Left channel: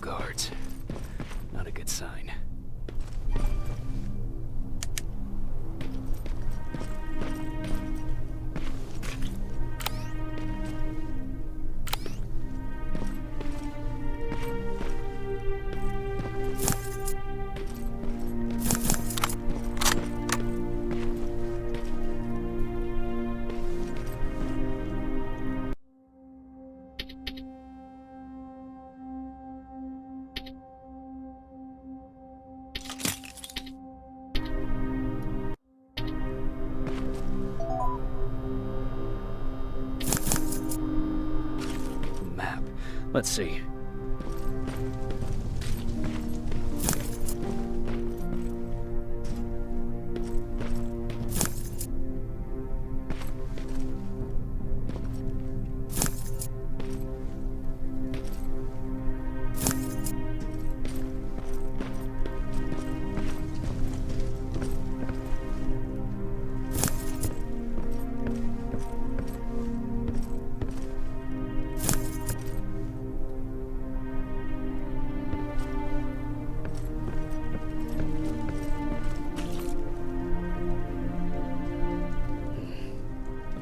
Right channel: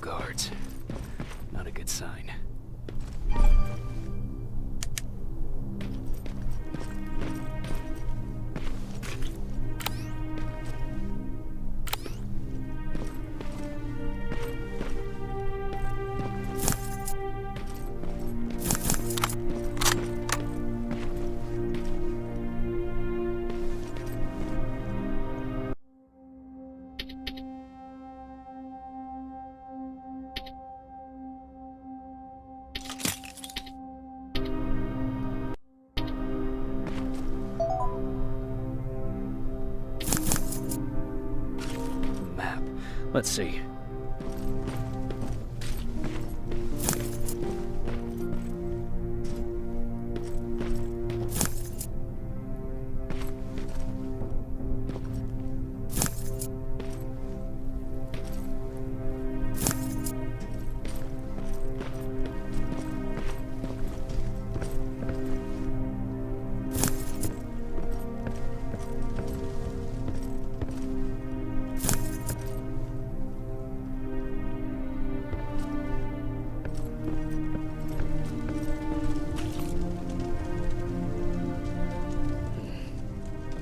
guards. Not a good sign. Map. Let's see.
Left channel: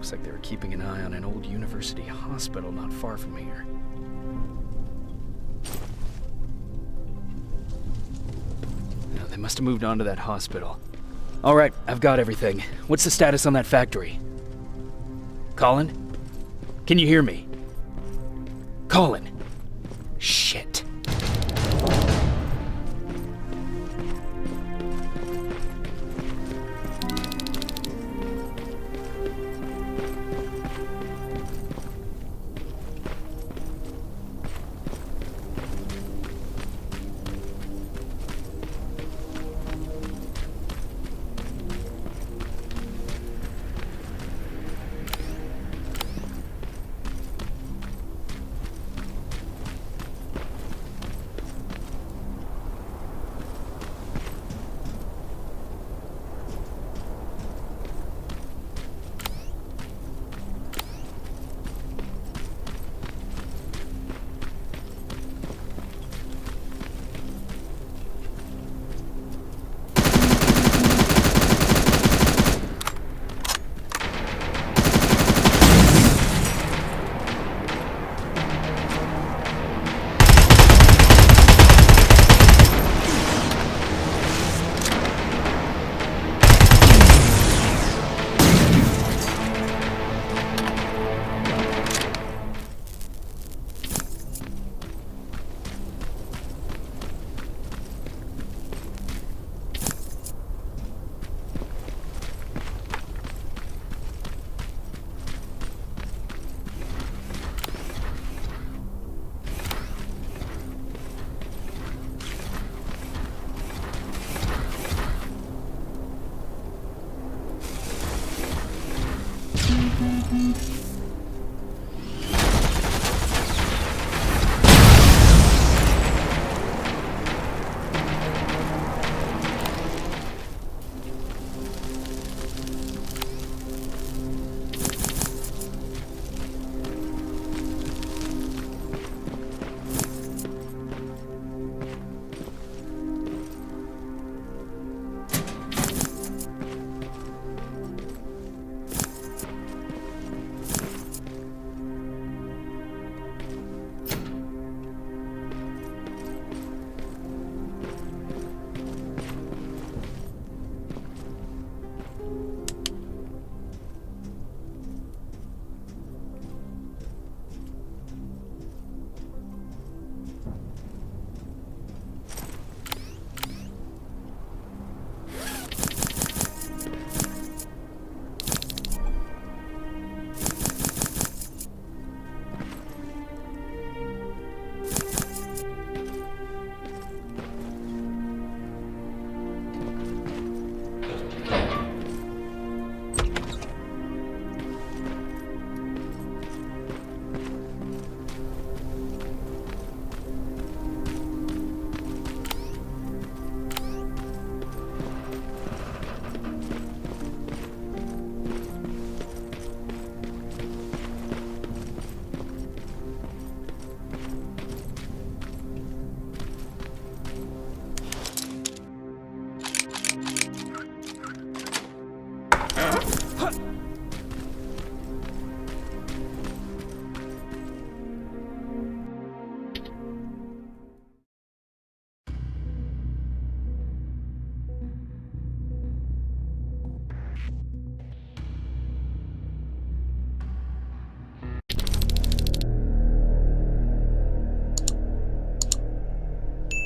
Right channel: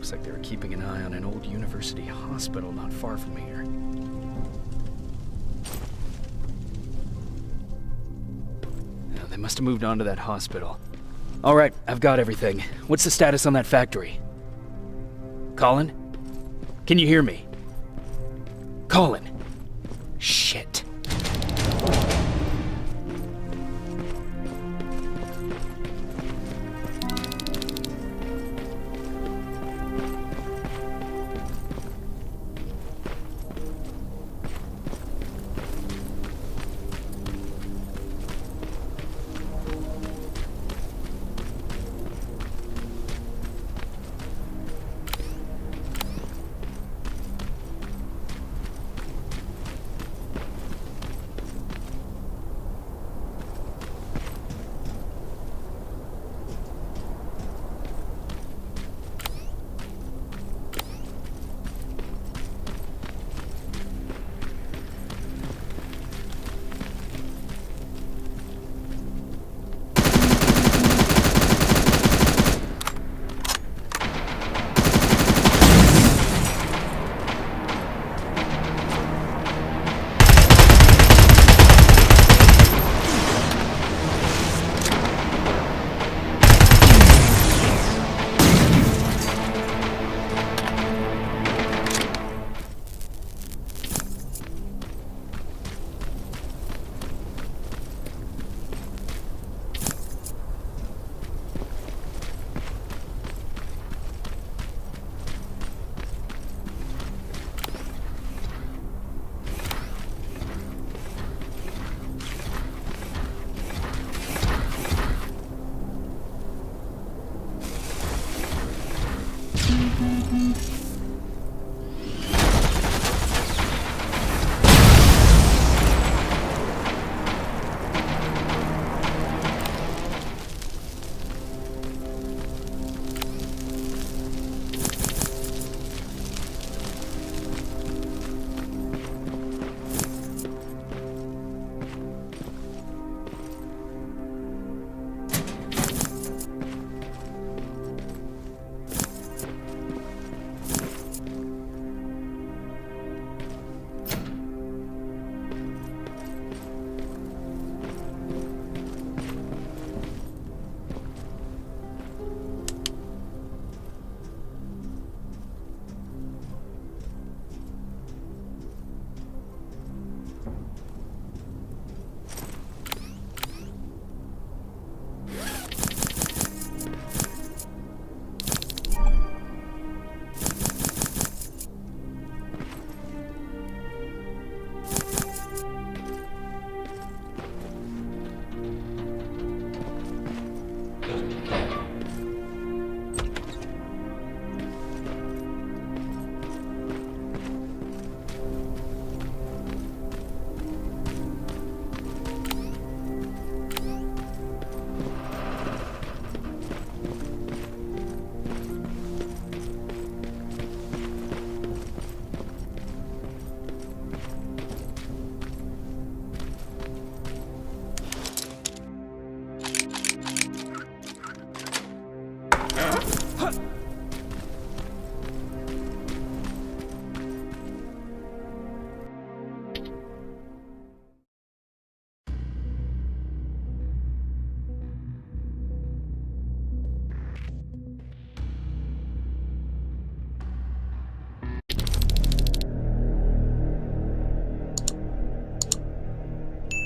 Looks like they were keeping an eye on an old university hospital not far from here. Now, they must have moved on to that hospital. All right, I've got everything. What's the status on that factory? Colin? Can you hear me? Colin! Shit.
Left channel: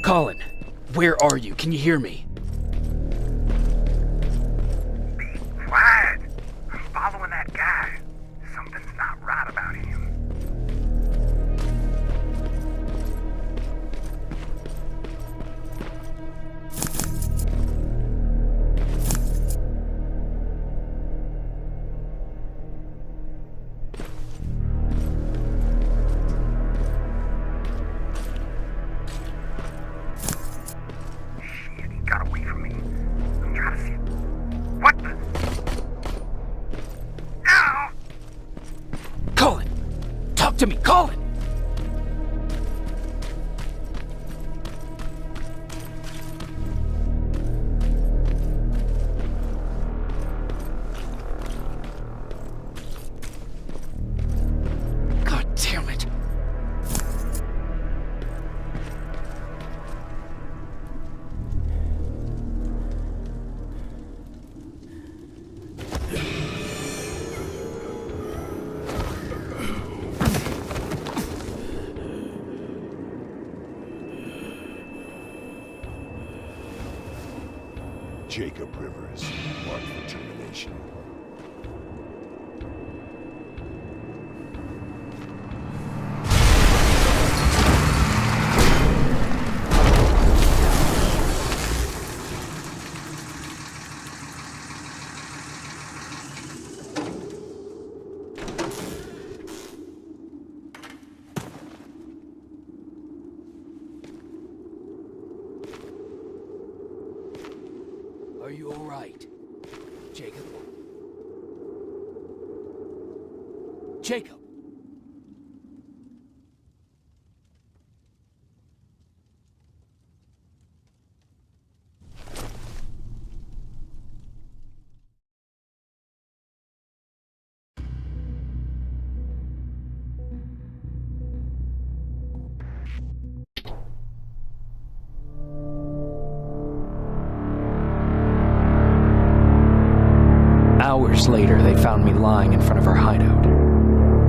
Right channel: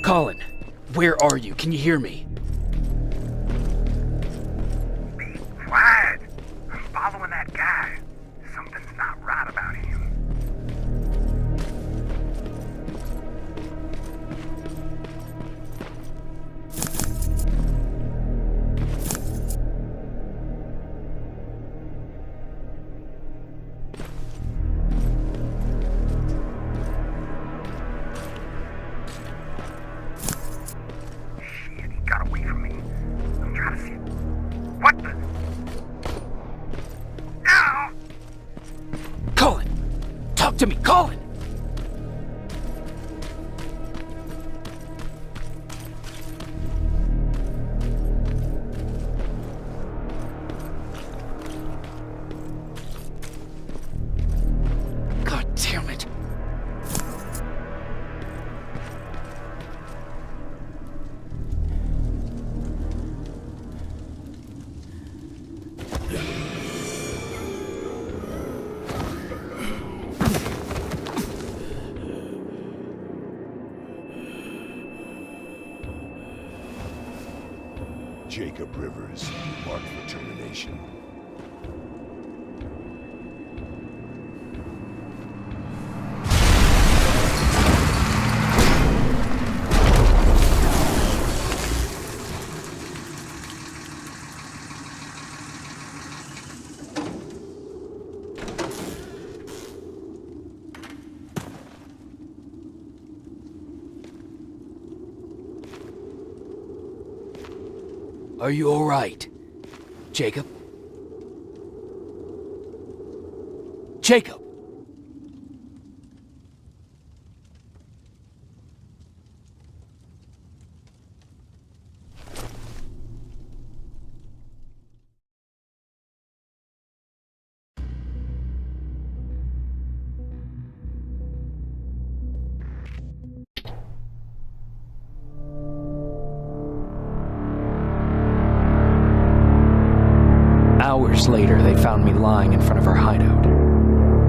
Colin, where are you? Can you hear me? Quiet! I'm following that guy. Something's not right about him. Shit, he got away from me. I'm trying to see. What the? Ow! Colin! Talk to me, Colin! God damn it. Jacob Rivers, marked for termination. Are you all right? Jacob? Jacob! Hours later, they found me lying in front of our hideout.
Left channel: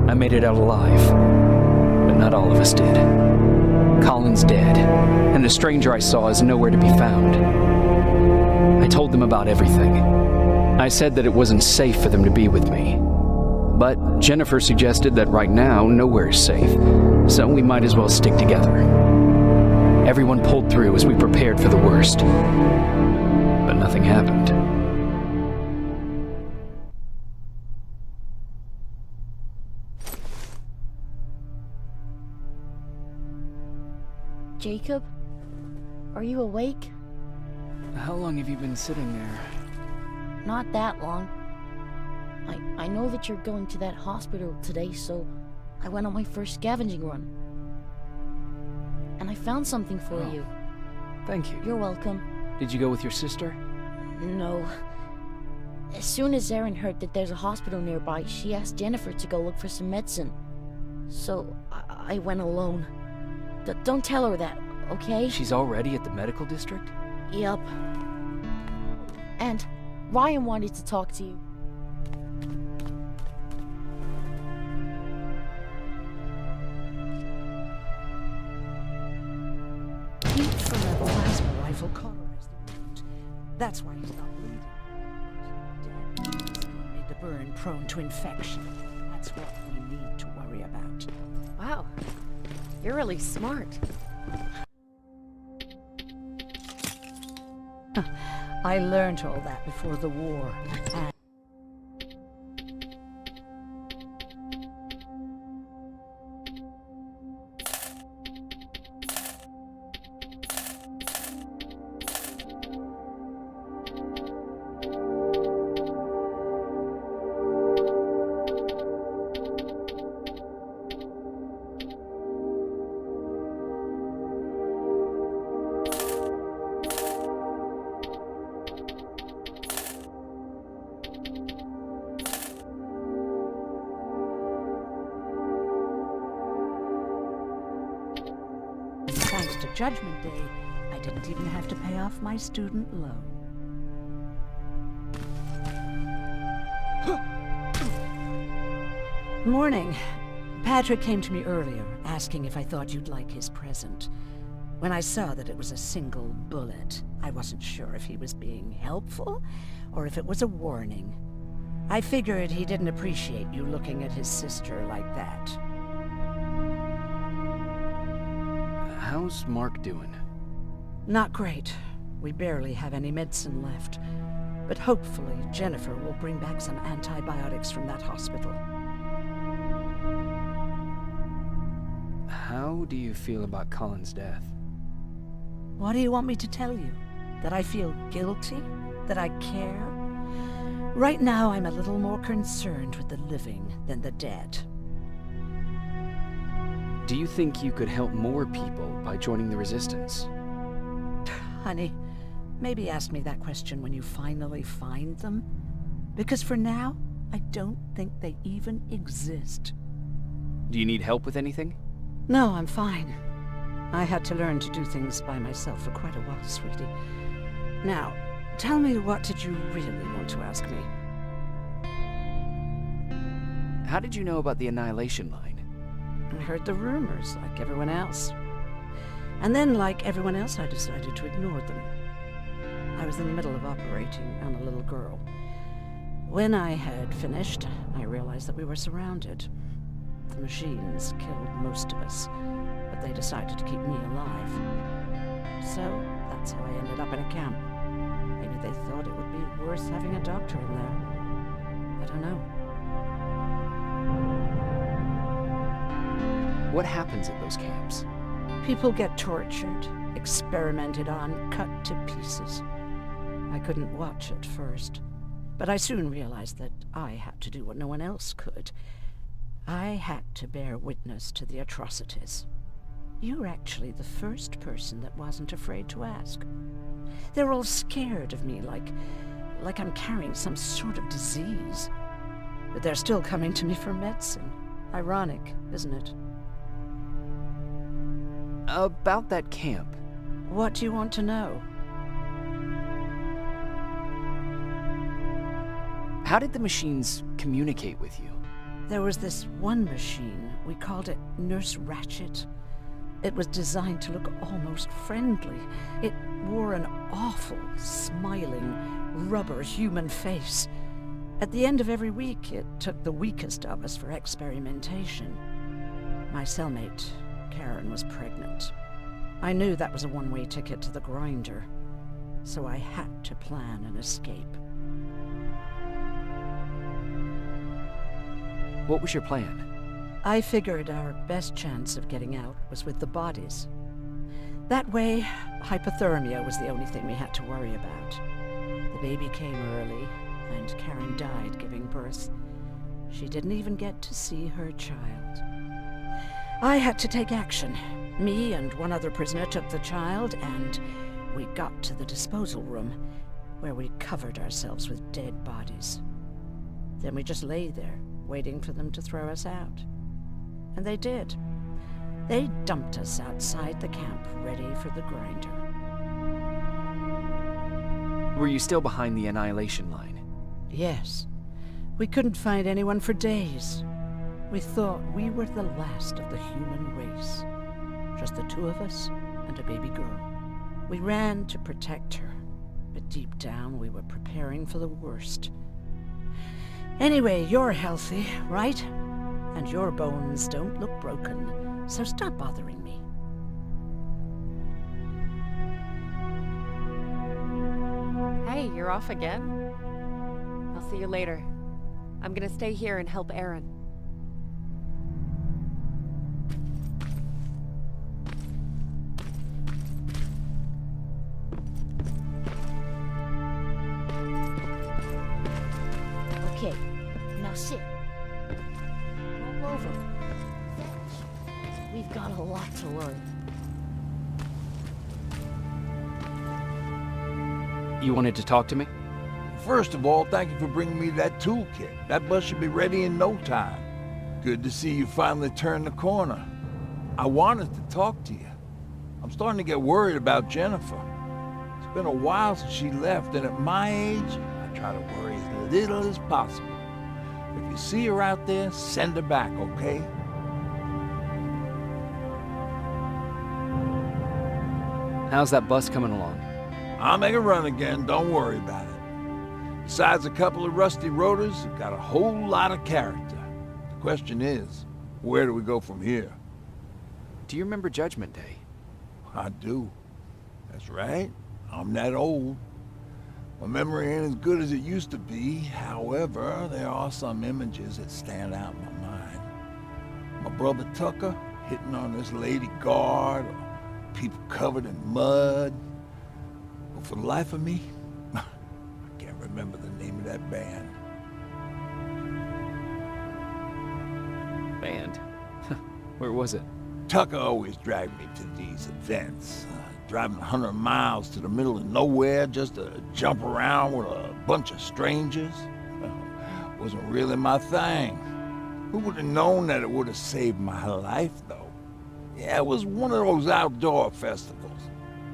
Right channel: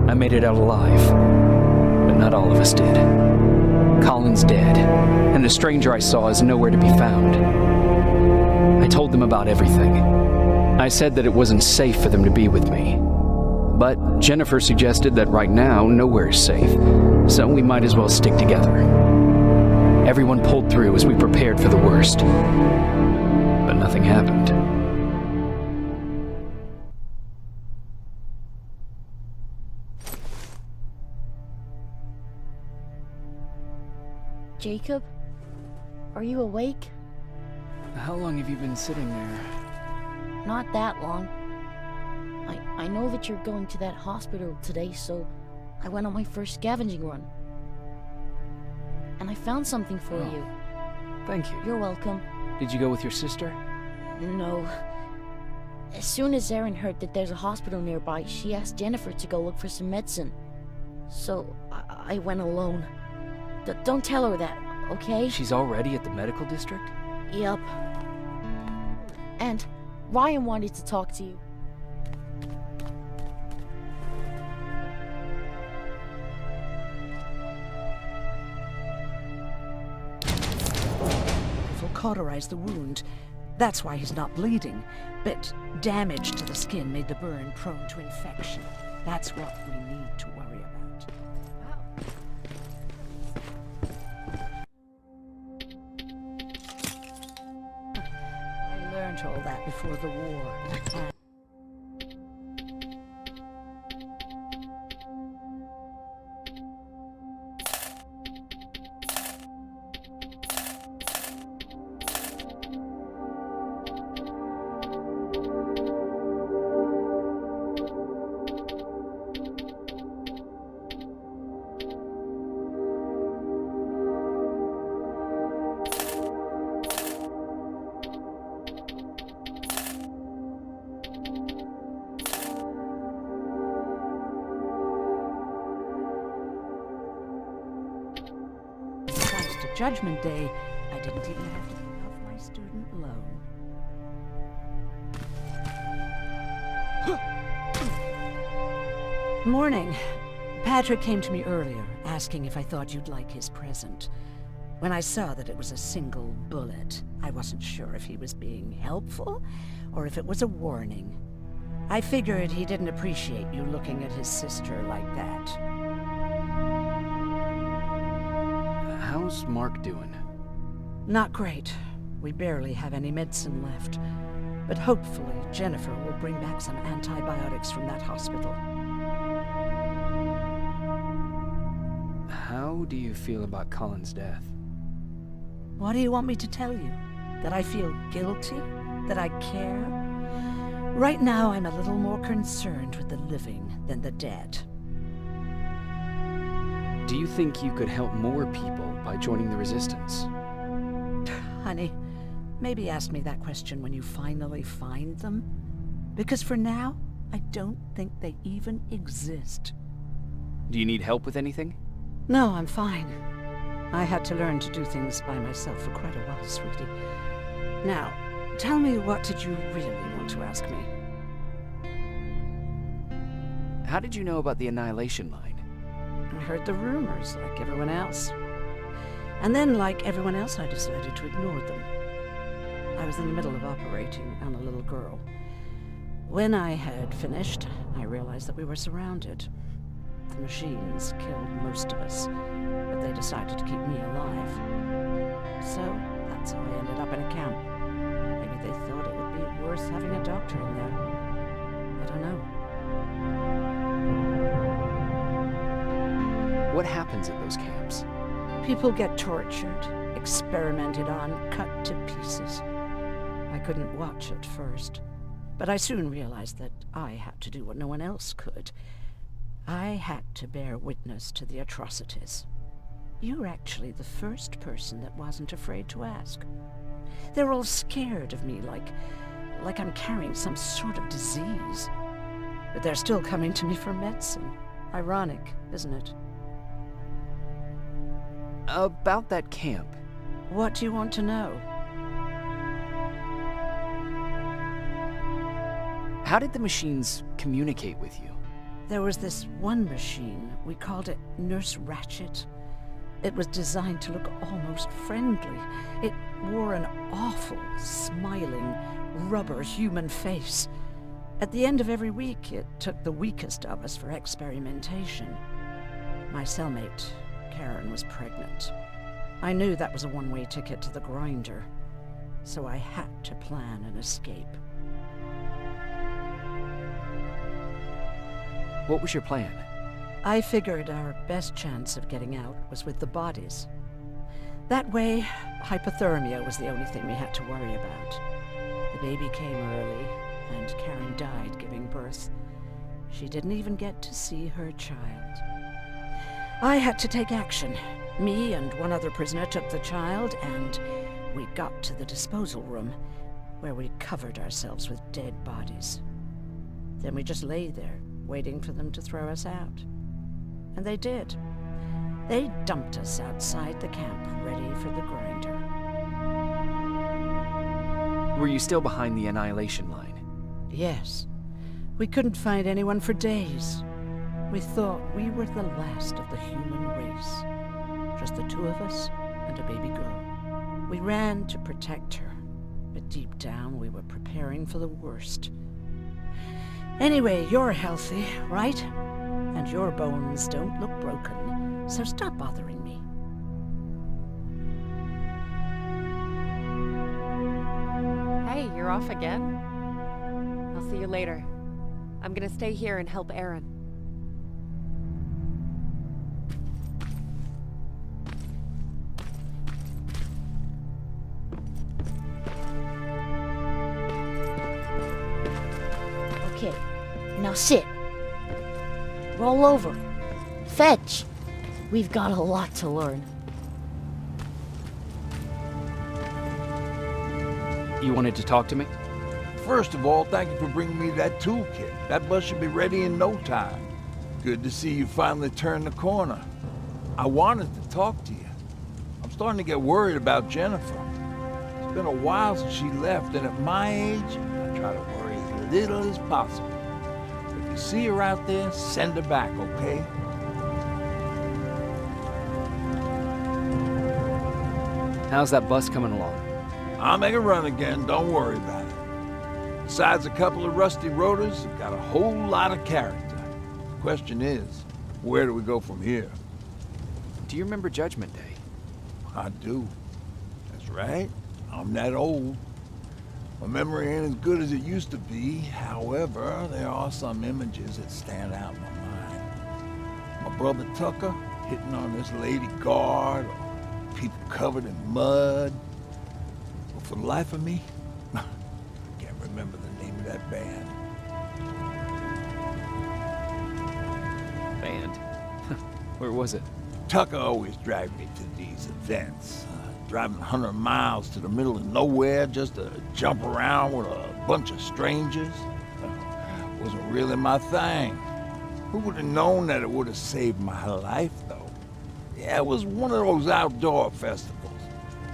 I made it out alive, but not all of us did. Colin's dead, and the stranger I saw is nowhere to be found. I told them about everything. I said that it wasn't safe for them to be with me. But Jennifer suggested that right now, nowhere is safe, so we might as well stick together. Everyone pulled through as we prepared for the worst, but nothing happened. Jacob? Are you awake? How long have you been sitting there? Not that long. I know that you're going to that hospital today, so I went on my first scavenging run. And I found something for you. Thank you. You're welcome. Did you go with your sister? No. As soon as Erin heard that there's a hospital nearby, she asked Jennifer to go look for some medicine. So I went alone. Don't tell her that, okay? She's already at the medical district? Yep. And Ryan wanted to talk to you. His rifle cauterized the wound. That's why he's not bleeding. But damage to the skin made the burn prone to infection. That's what we need to worry about. Wow. You're really smart. I learned all that before the war. And to Judgment Day, I didn't even have to pay off my student loan. Morning. Patrick came to me earlier, asking if I thought you'd like his present. When I saw that it was a single bullet, I wasn't sure if he was being helpful, or if it was a warning. I figured he didn't appreciate you looking at his sister like that. How's Mark doing? Not great. We barely have any medicine left. But hopefully Jennifer will bring back some antibiotics from that hospital. How do you feel about Colin's death? What do you want me to tell you? That I feel guilty? That I care? Right now I'm a little more concerned with the living than the dead. Do you think you could help more people by joining the Resistance? Honey, maybe ask me that question when you finally find them. Because for now, I don't think they even exist. Do you need help with anything? No, I'm fine. I had to learn to do things by myself for quite a while, sweetie. Now, tell me, what did you really want to ask me? How did you know about the Annihilation Line? I heard the rumors, like everyone else. And then, like everyone else, I decided to ignore them. I was in the middle of operating on a little girl. When I had finished, I realized that we were surrounded. The machines killed most of us, but they decided to keep me alive. So, that's how I ended up in a camp. Maybe they thought it would be worth having a doctor in there. I don't know. What happens at those camps? People get tortured, experimented on, cut to pieces. I couldn't watch at first, but I soon realized that I had to do what no one else could. I had to bear witness to the atrocities. You're actually the first person that wasn't afraid to ask. They're all scared of me, like I'm carrying some sort of disease. But they're still coming to me for medicine. Ironic, isn't it? About that camp. What do you want to know? How did the machines communicate with you? There was this one machine. We called it Nurse Ratchet. It was designed to look almost friendly. It wore an awful, smiling, rubber human face. At the end of every week, it took the weakest of us for experimentation. My cellmate, Karen, was pregnant. I knew that was a one-way ticket to the grinder, so I had to plan an escape. What was your plan? I figured our best chance of getting out was with the bodies. That way, hypothermia was the only thing we had to worry about. The baby came early, and Karen died giving birth. She didn't even get to see her child. I had to take action. Me and one other prisoner took the child, and we got to the disposal room, where we covered ourselves with dead bodies. Then we just lay there, waiting for them to throw us out. And they did. They dumped us outside the camp, ready for the grinder. Were you still behind the Annihilation Line? Yes. We couldn't find anyone for days. We thought we were the last of the human race. Just the two of us and a baby girl. We ran to protect her, but deep down we were preparing for the worst. Anyway, you're healthy, right? And your bones don't look broken, so stop bothering me. Hey, you're off again? I'll see you later. I'm gonna stay here and help Aaron. Okay, now sit. Roll over. Fetch. We've got a lot to learn. You wanted to talk to me? First of all, thank you for bringing me that toolkit. That bus should be ready in no time. Good to see you finally turned the corner. I wanted to talk to you. I'm starting to get worried about Jennifer. It's been a while since she left, and at my age, I try to worry as little as possible. If you see her out there, send her back, okay? How's that bus coming along? I'll make a run again, don't worry about it. Besides a couple of rusty rotors, it's got a whole lot of character. The question is, where do we go from here? Do you remember Judgment Day? I do. That's right. I'm that old. My memory ain't as good as it used to be. However, there are some images that stand out in my mind. My brother Tucker hitting on this lady guard, or people covered in mud. But for the life of me, I can't remember the name of that band. Band? Where was it? Tucker always dragged me to these events. Driving 100 miles to the middle of nowhere just to jump around with a bunch of strangers. Wasn't really my thing. Who would have known that it would have saved my life, though? Yeah, it was one of those outdoor festivals.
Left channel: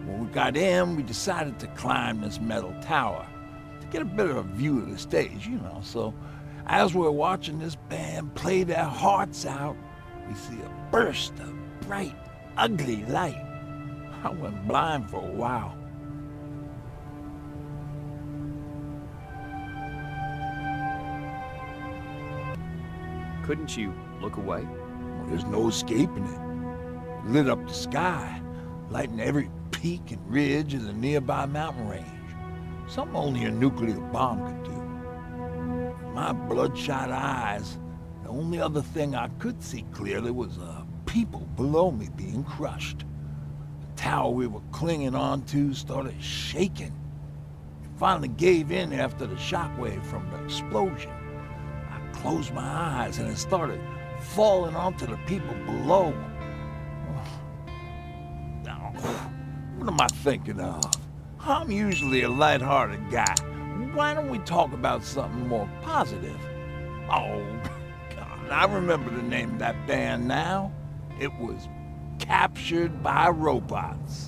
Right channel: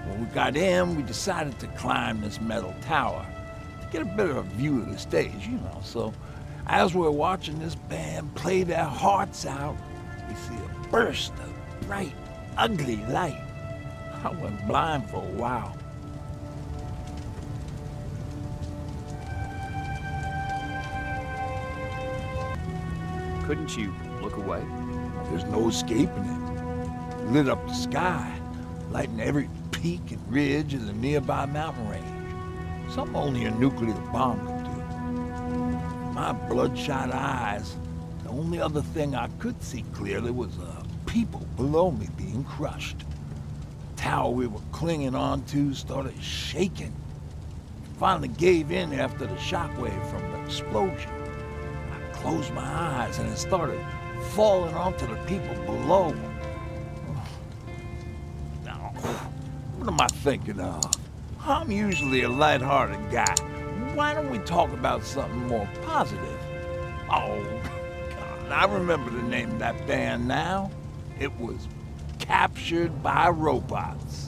When we got in, we decided to climb this metal tower to get a better view of the stage, you know. So as we're watching this band play their hearts out, we see a burst of bright, ugly light. I went blind for a while. Couldn't you look away? There's no escaping it. It lit up the sky, lighting every peak and ridge of the nearby mountain range. Something only a nuclear bomb could do. In my bloodshot eyes, the only other thing I could see clearly was people below me being crushed. The tower we were clinging onto started shaking. It finally gave in after the shockwave from the explosion. I closed my eyes and it started falling onto the people below. Now, what am I thinking of? I'm usually a lighthearted guy. Why don't we talk about something more positive? Oh, God, I remember the name of that band now. It was Captured by Robots.